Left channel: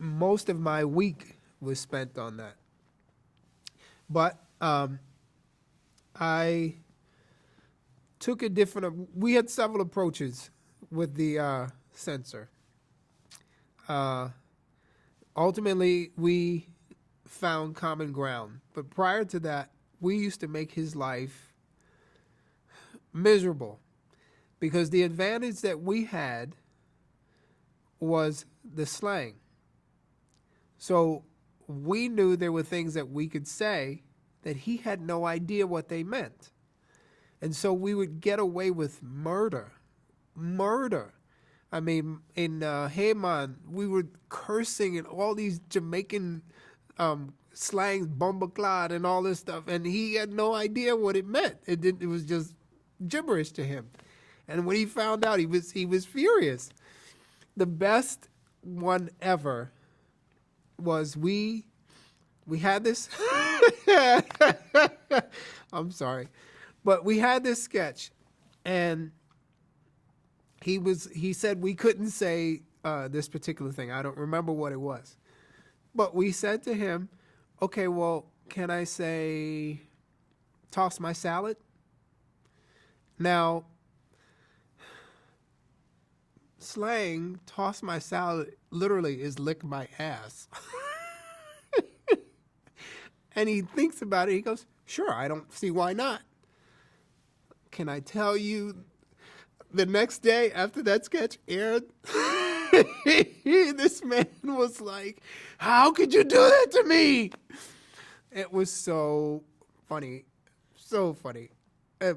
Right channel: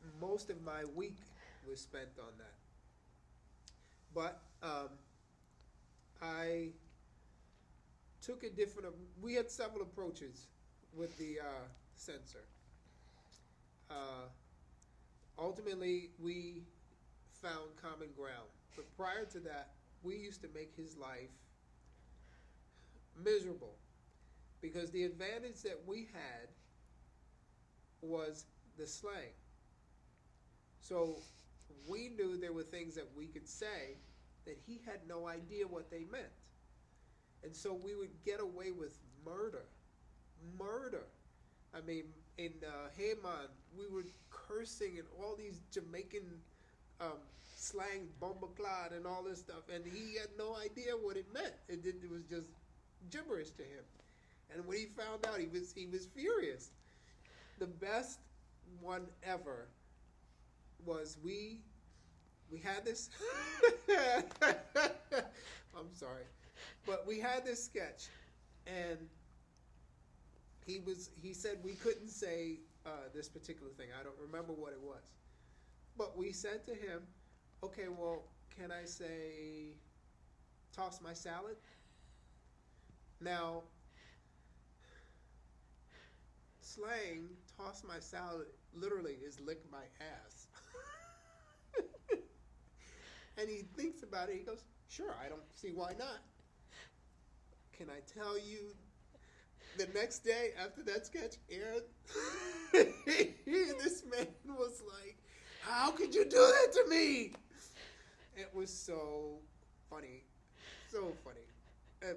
most of my week was spent on that. But I took a different. We had several approaches with the censor. Uh, Ultimately, we found common ground. But prior to that, we used to make his life miserable because the advantage that we had was the slang. So we knew there were things that we could say that he had no idea what they meant. And so we would get away with murder. Murder. I mean, in Heyman, we were cursing and all these Jamaican slangs, bombaclad and all this stuff, and he had no idea what it meant. It was just gibberish to him. And when he found out, he was furious. The best one ever was we had this. I'm sorry, but we had this sketch, and he said we couldn't say this particular thing. I don't remember what it was, but we said to him, "Okay, well, can I say toss my salad?" Now, slang "toss my salad" literally is "lick my ass." And he thinks about it. He goes, "Sure, I don't see why not." Can I tell you, the next day after that sketch aired, this man was like, "How could you do that to me?" It was so funny. So funny. And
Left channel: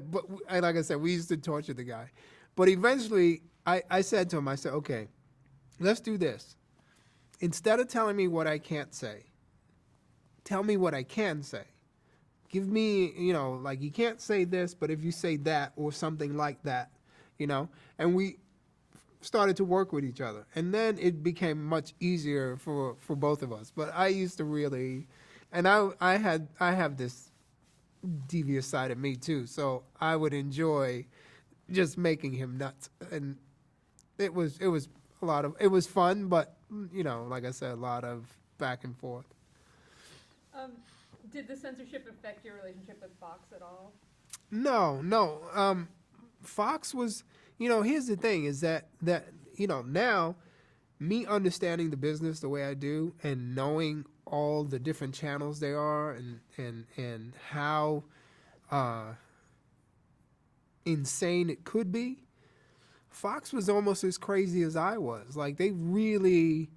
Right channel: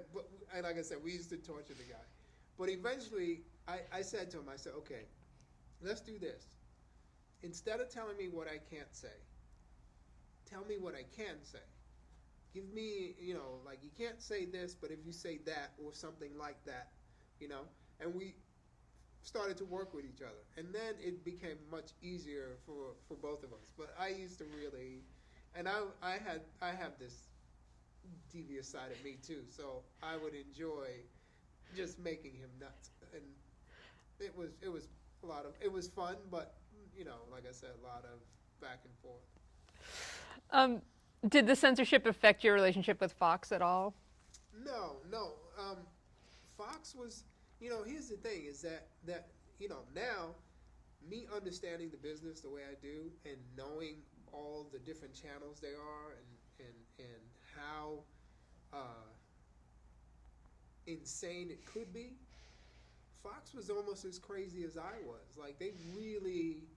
like I said, we used to torture the guy. But eventually, I said to him, I said, "Okay, let's do this. Instead of telling me what I can't say, tell me what I can say. Give me, like you can't say this, but if you say that or something like that, And we started to work with each other. And then it became much easier for both of us. But I used to really, and I have this devious side of me too. So I would enjoy just making him nuts. And it was it was fun, but like I said, a lot of back and forth. Did the censorship affect your relationship with Fox at all? No. Fox was, here's the thing is that now me understanding the business the way I do and knowing all the different channels there are and how insane it could be, Fox was almost as crazy as I was. Like they really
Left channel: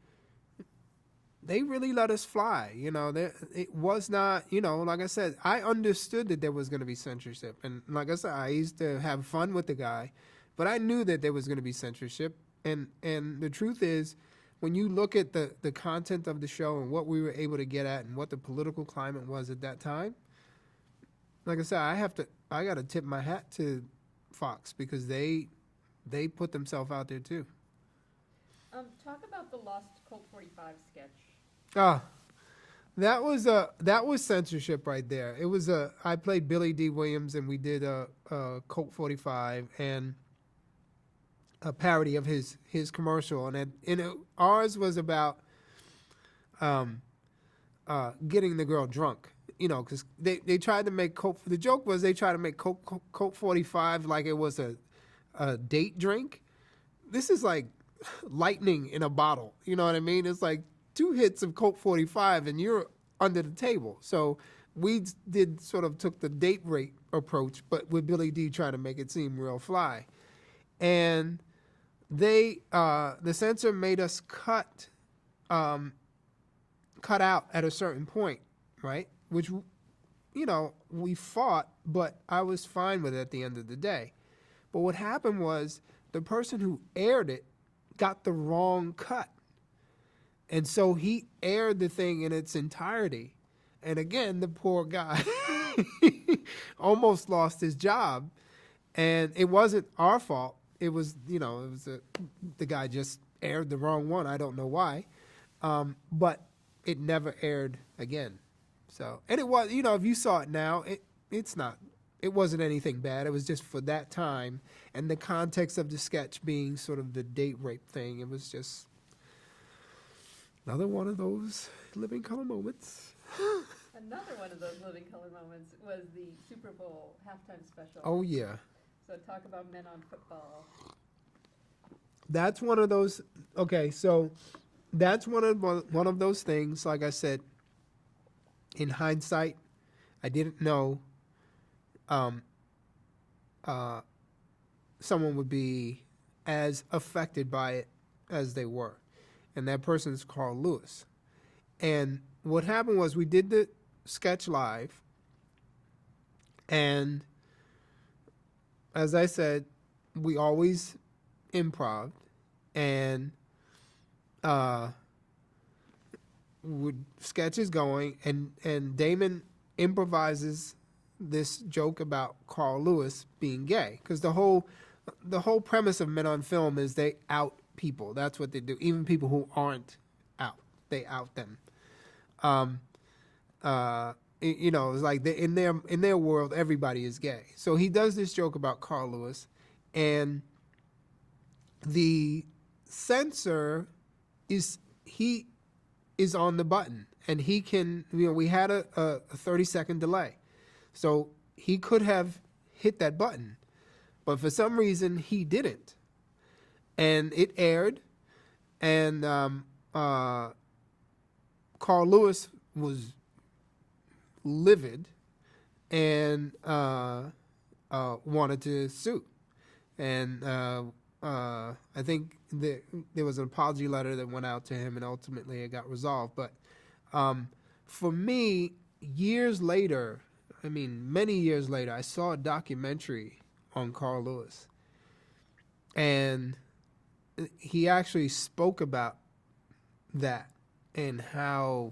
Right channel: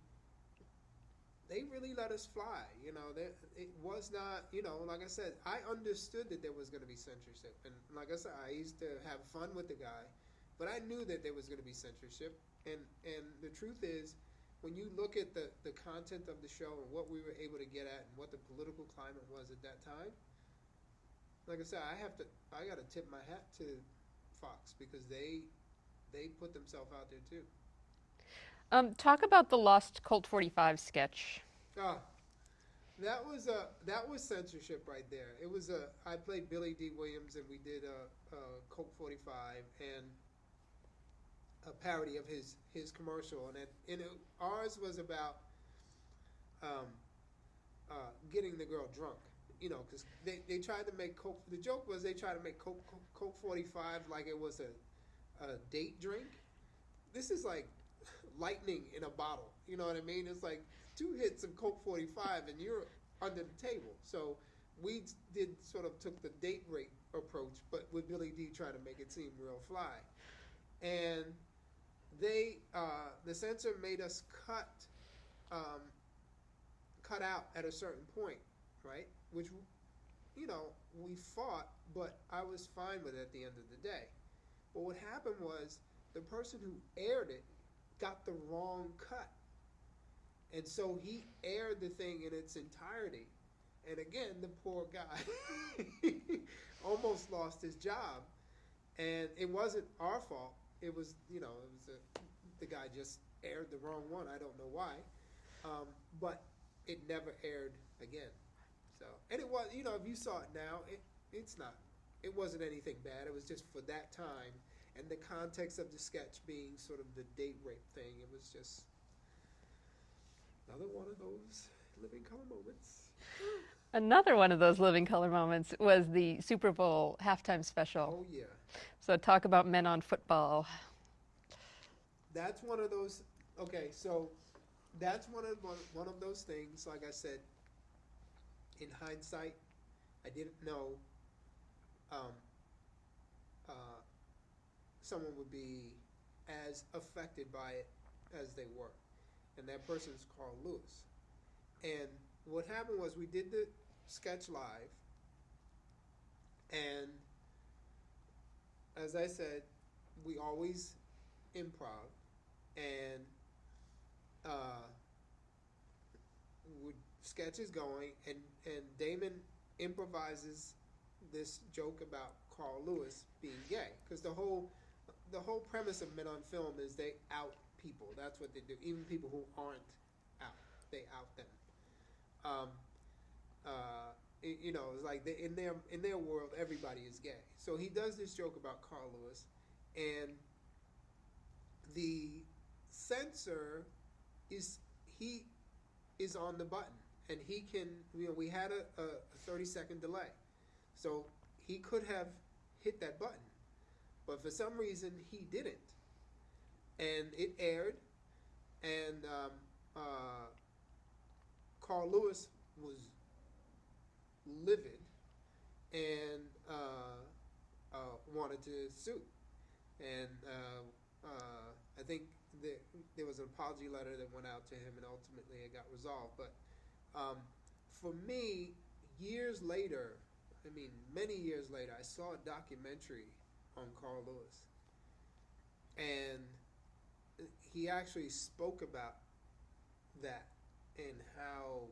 let us fly. It was not, like I said, I understood that there was going to be censorship. And like I said, I used to have fun with the guy, but I knew that there was going to be censorship. And the truth is, when you look at the content of the show and what we were able to get at and what the political climate was at that time, like I said, I got to tip my hat to Fox because they put themselves out there too. Talk about the Lost Colt 45 sketch. That was censorship right there. It was I played Billy D. Williams and we did a Colt 45 and a parody of his commercial, and ours was about getting the girl drunk. Because they tried to make Colt. The joke was they tried to make Colt 45 like it was a date drink. This is like lightning in a bottle. You know what I mean? It's like 2 hits of Colt 45 and you're under the table. So we took the date rape approach, but with Billy D trying to make it seem real fly. And the censor made us cut out at a certain point, right? Which, we fought, but I was fine with it at the end of the day. But what happened was the person who aired it got the wrong cut. And so he aired the thing in its entirety. And again, the poor guy almost lost his job. And it wasn't our fault. It was, the guy just aired the wrong one. I don't know why. But it never aired again. So, and it was, if you saw it now, it wasn't anything bad. It was just for that time and the context of the sketch being sort of the date rape thing. It was just, Another one of those living color moments. Another one of those living color moments was the Super Bowl halftime special. Oh yeah, So talk about men on football. that's one of those. Okay, so that's one of those things. Like I said, in hindsight, I didn't know um, someone would be as affected by it as they were, and that person is Carl Lewis. And what happened was we did the sketch live, and as I said, we always improv, and would sketches going, and Damon improvises this joke about Carl Lewis being gay, because the whole premise of Men on Film is they out people. That's what they do. Even people who aren't out, they out them. It's like in their world, everybody is gay. So he does this joke about Carl Lewis, and the censor is on the button, and he can. We had a 30-second delay, so he could have hit that button, but for some reason he didn't, and it aired, and Carl Lewis was livid and wanted to sue, and I think there was an apology letter that went out to him, and ultimately it got resolved. But for me, years later, many years later, I saw a documentary on Carl Lewis, and he actually spoke about that and how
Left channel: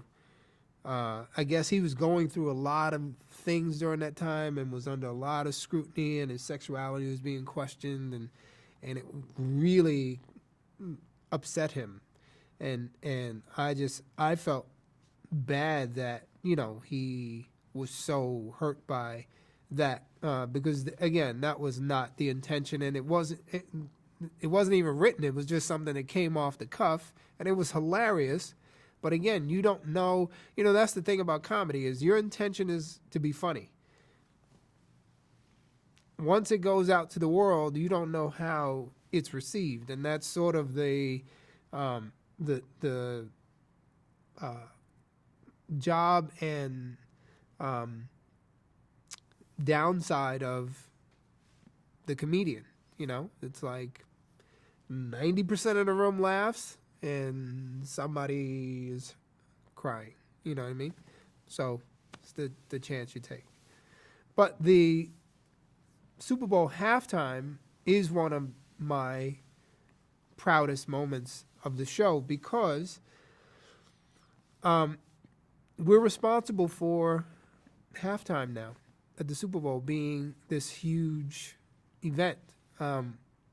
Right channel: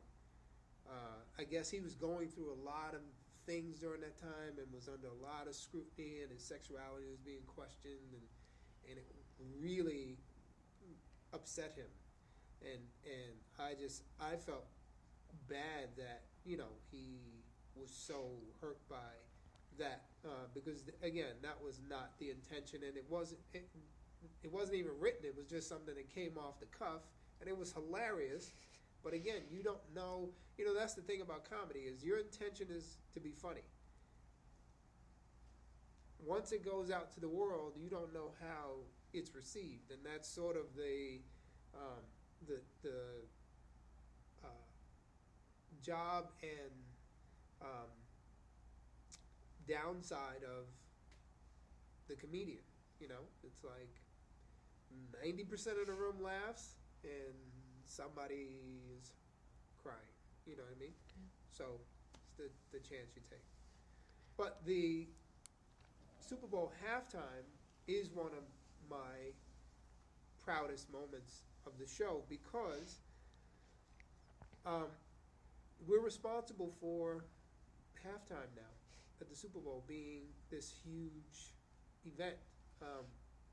I guess he was going through a lot of things during that time and was under a lot of scrutiny, and his sexuality was being questioned, and it really upset him, and I felt bad that he was so hurt by that, because again, that was not the intention, and it wasn't even written. It was just something that came off the cuff, and it was hilarious. But again, you don't know. That's the thing about comedy, is your intention is to be funny. Once it goes out to the world, you don't know how it's received, and that's sort of the job and downside of the comedian. It's like 90% of the room laughs and somebody is crying. You know what I mean? So it's the chance you take. But the Super Bowl halftime is one of my proudest moments of the show, because we're responsible for halftime now at the Super Bowl being this huge event.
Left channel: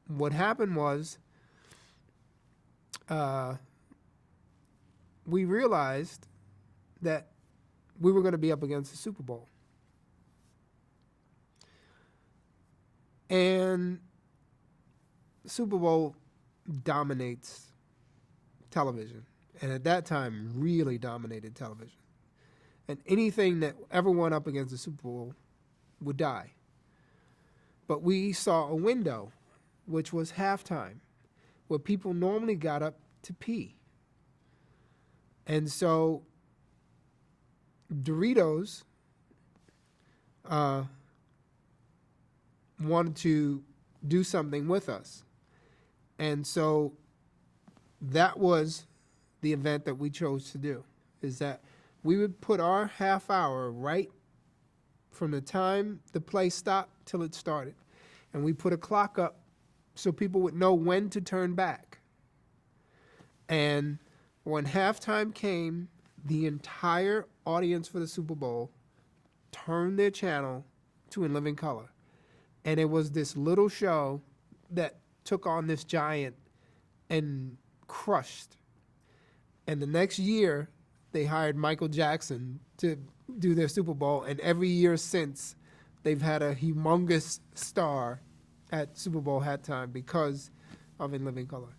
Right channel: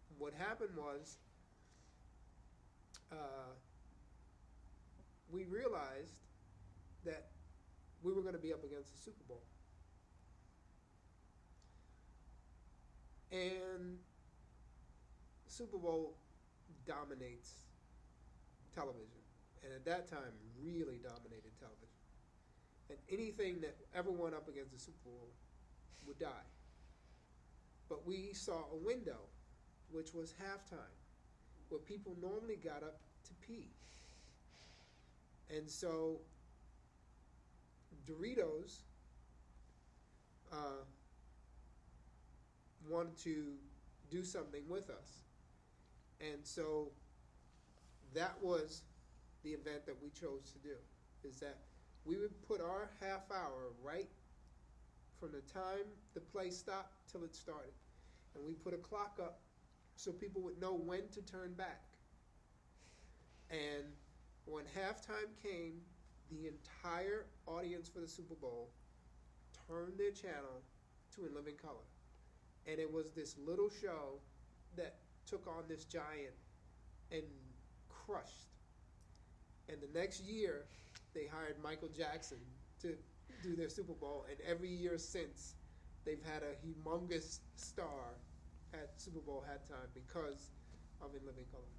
What happened was we realized that we were going to be up against the Super Bowl. And Super Bowl dominates television, and at that time really dominated television. And anything that ever went up against the Super Bowl would die. But we saw a window, which was halftime, where people normally got up to pee. And so Doritos wanted to do something with us. And so that was the event that we chose to do, is that we would put our half hour right from the time the play stopped till it started. And we put a clock up so people would know when to turn back. And when halftime came, the entire audience for the Super Bowl turned their channel to In Living Color. And it was this little show that took on this giant and crushed. And the next year, they hired Michael Jackson to do their Super Bowl. And every year since, they've had a humongous star at Super Bowl halftime because of In Living Color.